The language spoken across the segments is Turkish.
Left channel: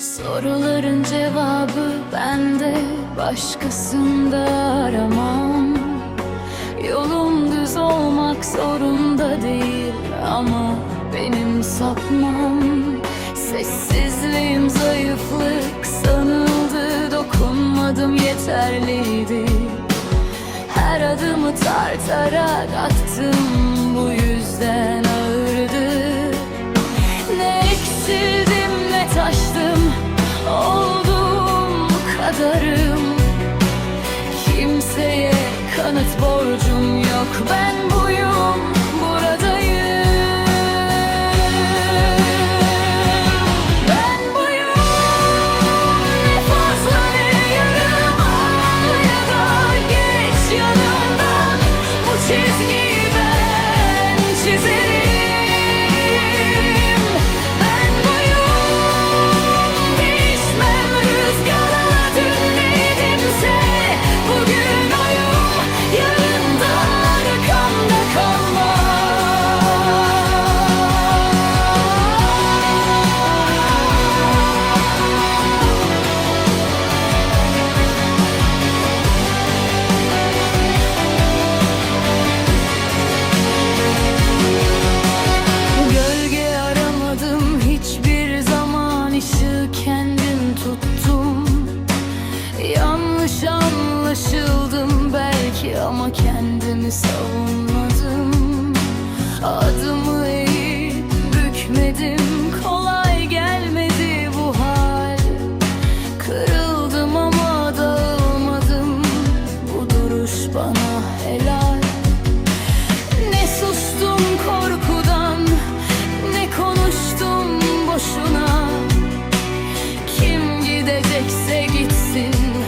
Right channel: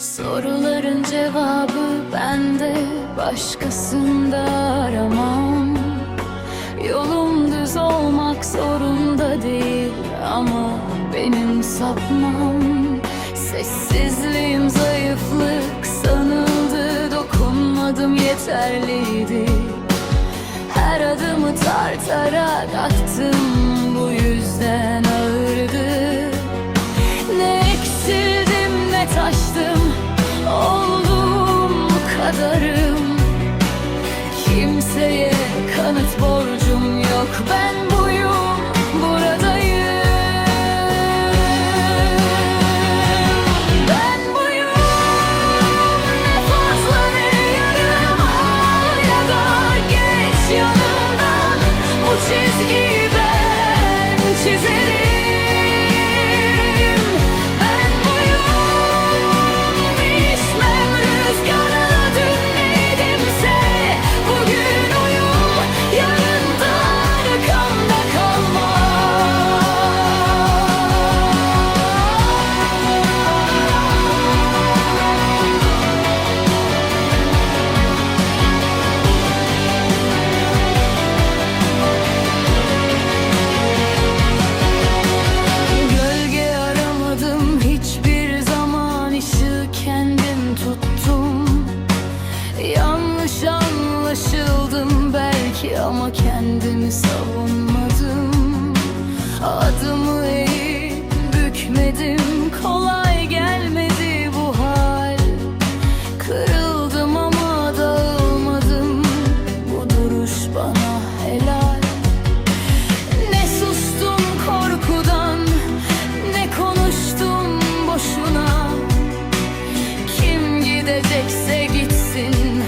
Soruların cevabı bende Başkasında aramam. Yolum düz olmak zorunda değil Ama benim sapmam. Sessizliğim zayıflık sanıldı Dokunmadım yeterliydi. Her adımı tartarak attım Bu yüzden kadarım. Kimseye kanıt borcum yok Ben buyum buradayım. Ben buyum ne fazla ne yarım Al geç yanımdan. Bu çizgiyi ben çizerim anlaşıldım belki ama kendimi savunmadım. Adımı eğip bükmedim kolay gelmedi bu hal. Kırıldım ama dağılmadım bu duruş bana helal. Ne sustum korkudan Ne konuştum boşuna. Kim gidecekse gitsin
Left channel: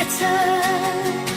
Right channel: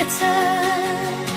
It's a touch.